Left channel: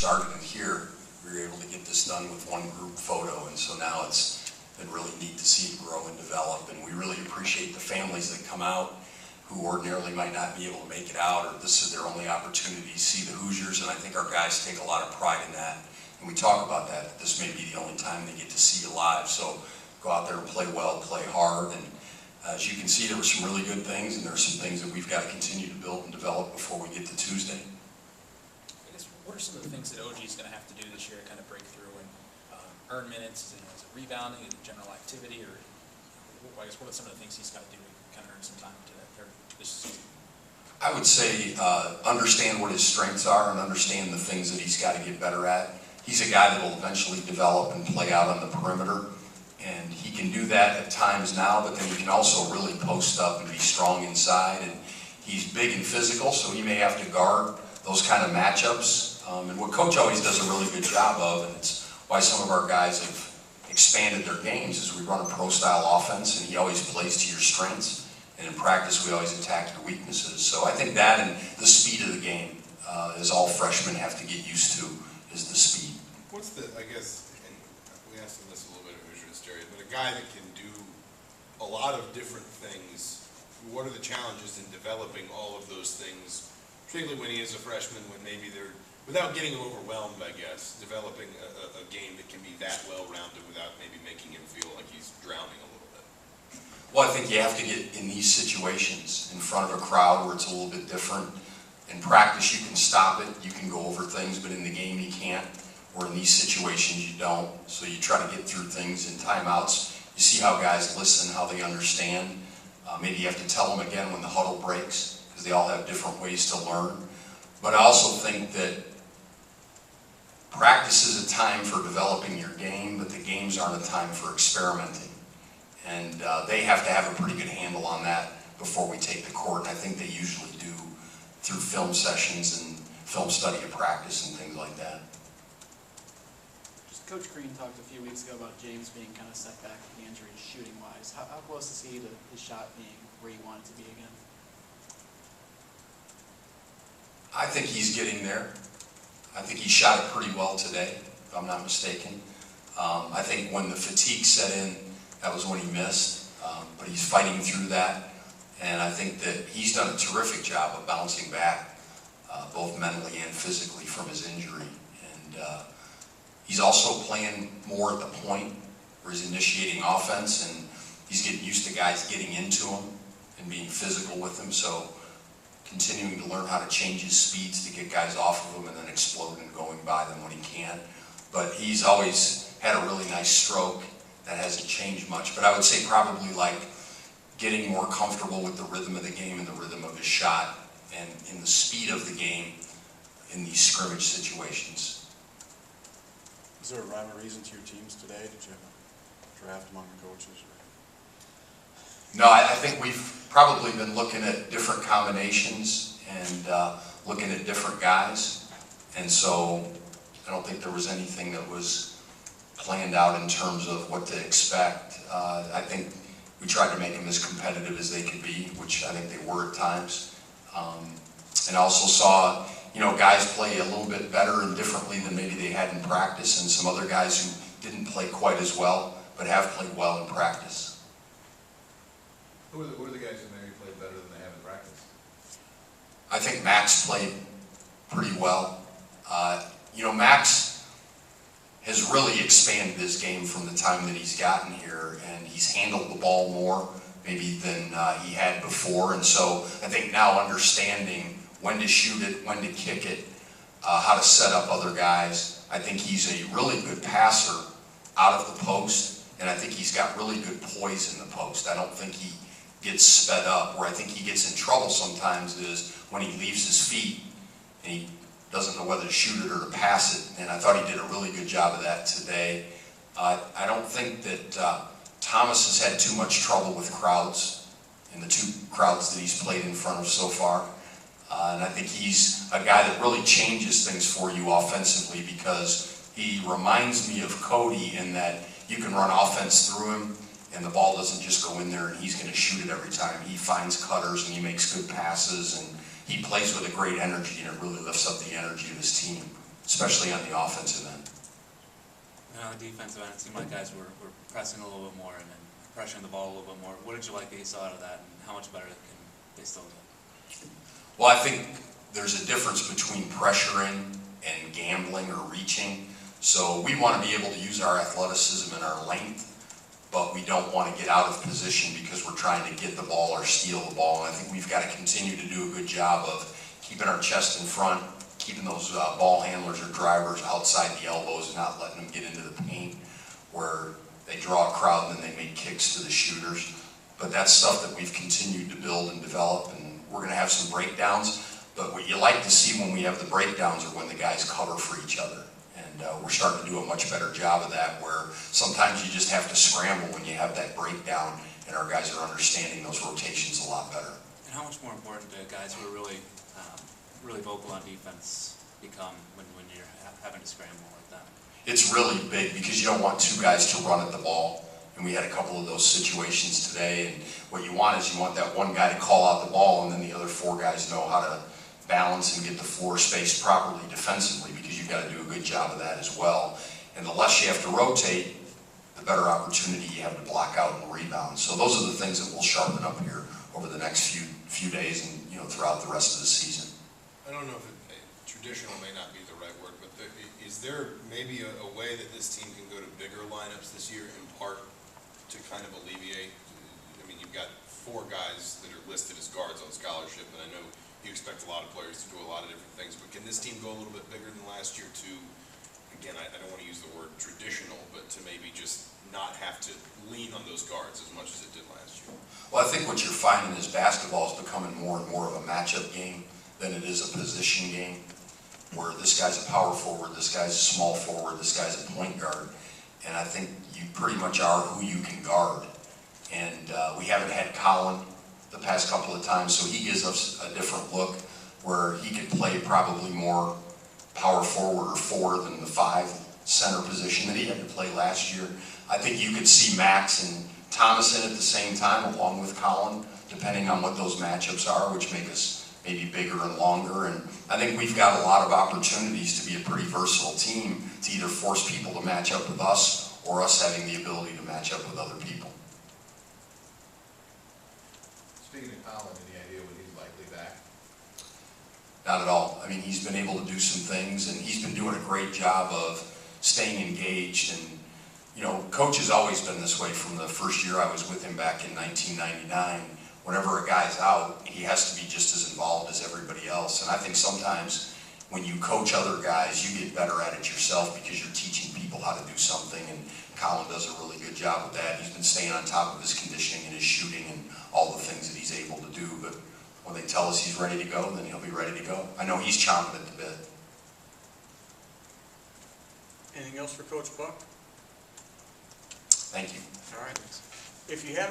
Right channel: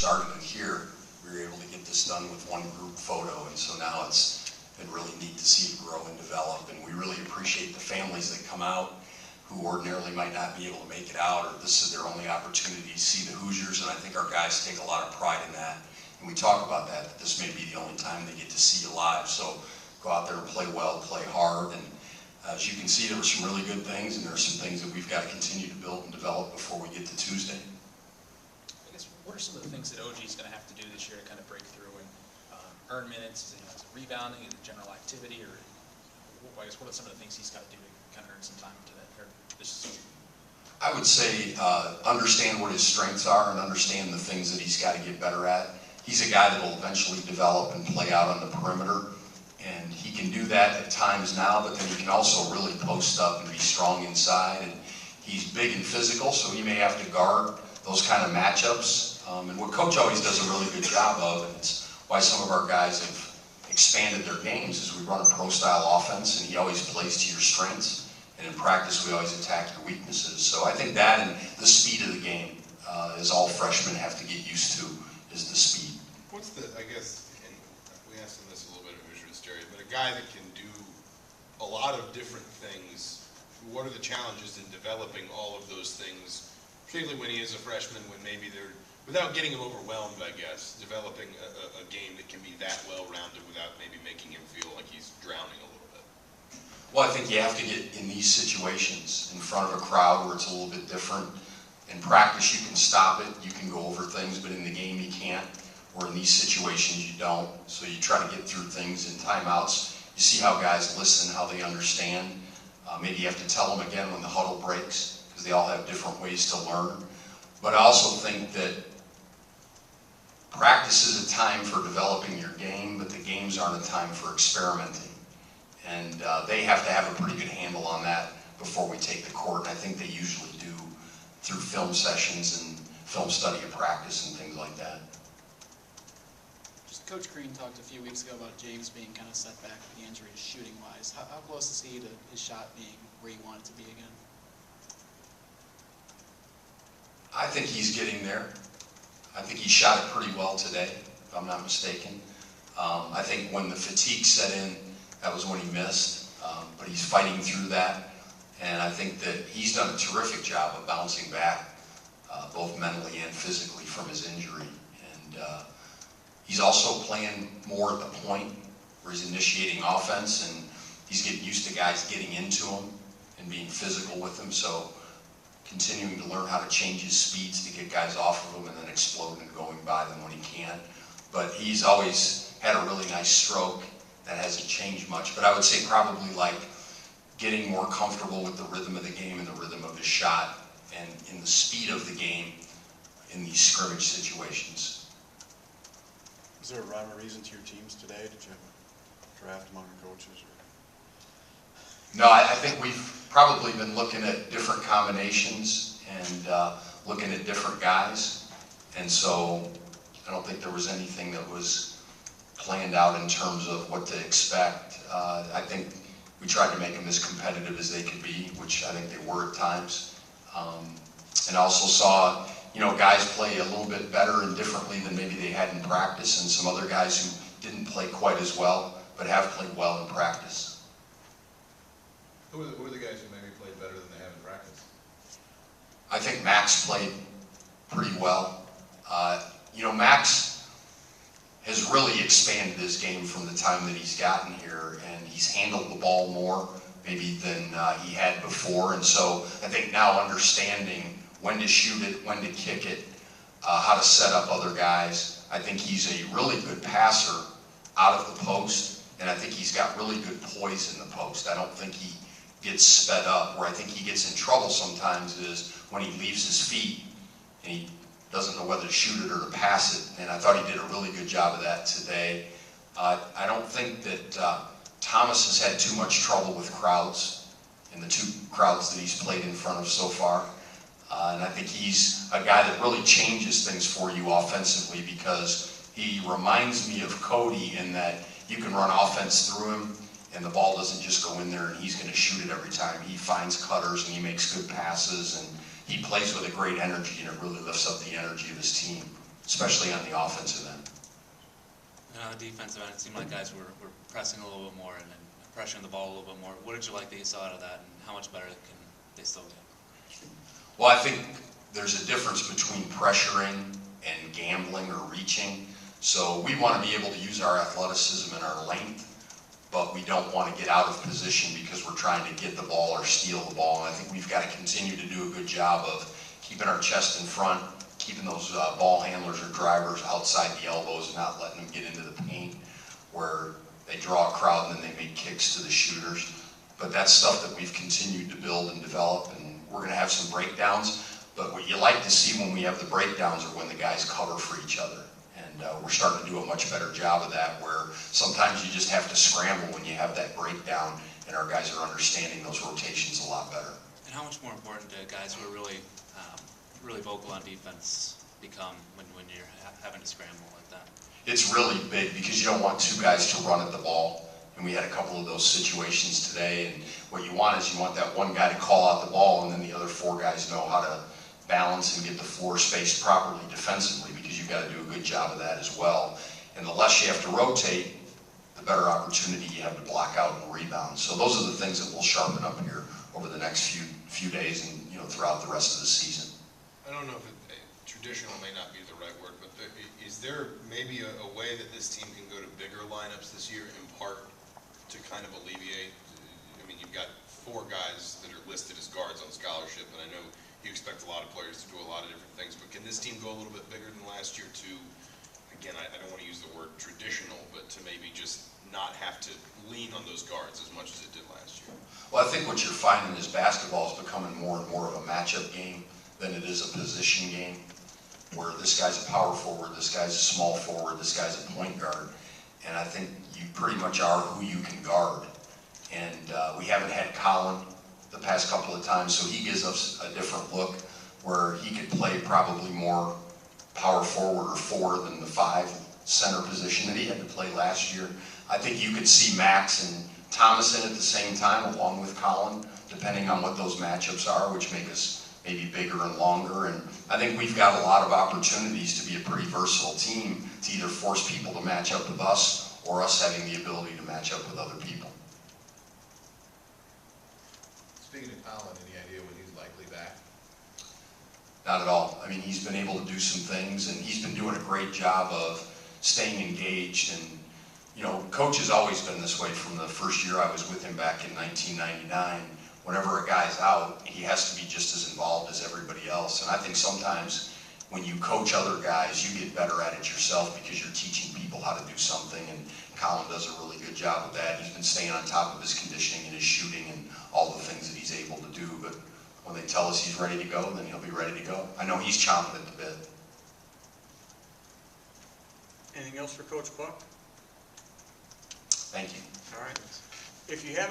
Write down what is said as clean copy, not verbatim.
started it here, we were able to get this done with one group photo, and so now it's been really neat to see it grow and develop, and we really appreciate the families that come out who ordinarily might not be able to make it out, or this is their only opportunity to see the Hoosiers, and I think our guys take a lot of pride in that. And we talk about that this may be the only time they get to see you live, so go out there and play well, play hard, and as you can see, there were some really good things, and there are some things that we've got to continue to build and develop before we get to Tuesday. I guess, what are some of the things that OG is going to have to do this year to kind of break through and earn minutes? Is it rebounding, is it general activity, or I guess what are some of the things he's got to do to kind of earn some time to that this season? I would say understand what his strengths are and understand the things that he's got to get better at. He's a guy that will eventually develop and play out on the perimeter, and he can do that at times now, but then he can also really post up and be strong inside, and he's big and physical, so he may have to guard those kind of matchups. And what Coach always does a really good job of, and it's why some of our guys have expanded their games, is we run a pro-style offense, and he always plays to your strengths, and in practice we always attack your weaknesses. So I think that and the speed of the game is all freshmen have to get used to, is the speed. What's the, I guess, and we asked him this a little bit at Hoosiers, Jerry, but a guy that can do a lot of different things, what are the challenges in developing all of those things, particularly when he is a freshman, when maybe they're, without getting him overwhelmed, I guess, developing a game that can be that well-rounded without maybe making him feel like he's drowning a little bit? Well, I think you have to get in these situations in front of a crowd where it's a little bit different. In practice, you can stop it, you can go over things, but in the game you can't. Or in these situations you don't. So you try to get through things in timeouts. You see how guys listen, how they understand. Maybe you have to tell them again when the huddle breaks, because they all have different ways to learn. But I also think that practice is a time for developing your game, but the games aren't a time for experimenting. And they have to have a pretty good handle on that before we take the court. And I think they usually do through film sessions and film study of practice and things like that. Coach Green talked a few weeks ago about James being kind of set back with the injury shooting-wise. How close is he to his shot being where you want it to be again? I think he's getting there. I think he shot it pretty well today, if I'm not mistaken. I think when the fatigue set in, that was when he missed. But he's fighting through that. And I think that he's done a terrific job of bouncing back, both mentally and physically, from his injury. And he's also playing more at the point where he's initiating offense, and he's getting used to guys getting into him and being physical with him. So continuing to learn how to change his speeds to get guys off of him and then exploding and going by them when he can. But he's always had a really nice stroke that hasn't changed much. But I would say probably like getting more comfortable with the rhythm of the game and the rhythm of his shot and in the speed of the game in these scrimmage situations. Is there a rhyme or reason to your teams today? Did you have a draft among the coaches? Or? No, I think we've probably been looking at different combinations and looking at different guys. And so I don't think there was anything that was planned out in terms of what to expect. I think we tried to make them as competitive as they could be, which I think they were at times. And also saw guys play a little bit better and differently than maybe they had in practice, and some other guys who didn't play quite as well, but have played well in practice. Who are the guys who maybe played better than they have in practice? I think Max played pretty well. Max has really expanded his game from the time that he's gotten here, and he's handled the ball more maybe than he had before, and so I think now understanding when to shoot it, when to kick it, how to set up other guys. I think he's a really good passer out of the post, and I think he's got really good poise in the post. I don't think he gets sped up. Where I think he gets in trouble sometimes is when he leaves his feet and he doesn't know whether to shoot it or to pass it, and I thought he did a really good job of that today. I don't think that Thomas has had too much trouble with crowds in the two crowds that he's played in front of so far. And I think he's a guy that really changes things for you offensively, because he reminds me of Cody in that you can run offense through him and the ball doesn't just go in there and he's going to shoot it every time. He finds cutters and he makes good passes, and he plays with a great energy, and it really lifts up the energy of his team. especially on the offensive end. And on the defensive end, it seemed like guys were pressing a little bit more and then pressuring the ball a little bit more. What did you like that you saw out of that, and how much better can they still get? Well, I think there's a difference between pressuring and gambling or reaching. So we want to be able to use our athleticism and our length, but we don't want to get out of position because we're trying to get the ball or steal the ball. And I think we've got to continue to do a good job of keeping our chest in front, keeping those ball handlers or drivers outside the elbows and not letting them get into the paint where they draw a crowd and then they make kicks to the shooters. But that's stuff that we've continued to build and develop, and we're going to have some breakdowns. But what you like to see when we have the breakdowns are when the guys cover for each other. And we're starting to do a much better job of that, where sometimes you just have to scramble when you have that breakdown, and our guys are understanding those rotations a lot better. And how much more important do guys who are really vocal on defense become when you're having to scramble like that? It's really big because you don't want two guys to run at the ball. And we had a couple of those situations today, and what you want is you want that one guy to call out the ball, and then the other four guys know how to balance and get the floor spaced properly defensively, because you've got to do a good job of that as well. And the less you have to rotate, the better opportunity you have to block out and rebound. So those are the things that we'll sharpen up here over the next few days and throughout the rest of the season. I don't know if traditional may not be the right word, but is there maybe a way that this team can go to bigger lineups this year, in part to kind of alleviate? I mean, you've got 4 guys that are listed as guards on scholarship, and I know you expect a lot of players to do a lot of different things, but can this team go a little bit bigger than last year to, again, I don't want to use the word traditional, but to maybe just not have to lean on those guards as much as it did last year? Well, I think what you're finding is basketball is becoming more and more of a matchup game than it is a position game, where this guy's a power forward, this guy's a small forward, this guy's a point guard, and I think you pretty much are who you can guard. And we haven't had Colin the past couple of times, so he gives us a different look where he could play probably more power forward or 4 than the 5 center position that he had to play last year. I think you could see Max and Thomas in at the same time along with Colin, depending on what those matchups are, which make us maybe bigger and longer. And I think we've got a lot of opportunities to be a pretty versatile team to either force people to match up with us or us having the ability to match up with other people. Speaking of Colin, any idea when he's likely back? Not at all. I mean, he's been able to do some things, and he's been doing a great job of staying engaged. And, Coach has always been this way from the first year I was with him back in 1999. Whenever a guy's out, he has to be just as involved as everybody else. And I think sometimes when you coach other guys, you get better at it yourself because you're teaching people how to do something. And Colin does a really good job with that. He's been staying on top of his conditioning and his shooting and all the things that he's able to do. But when they tell us he's ready to go, then he'll be ready to go. I know he's chomping at the bit. Anything else for Coach Buck? Thank you. All right. If you have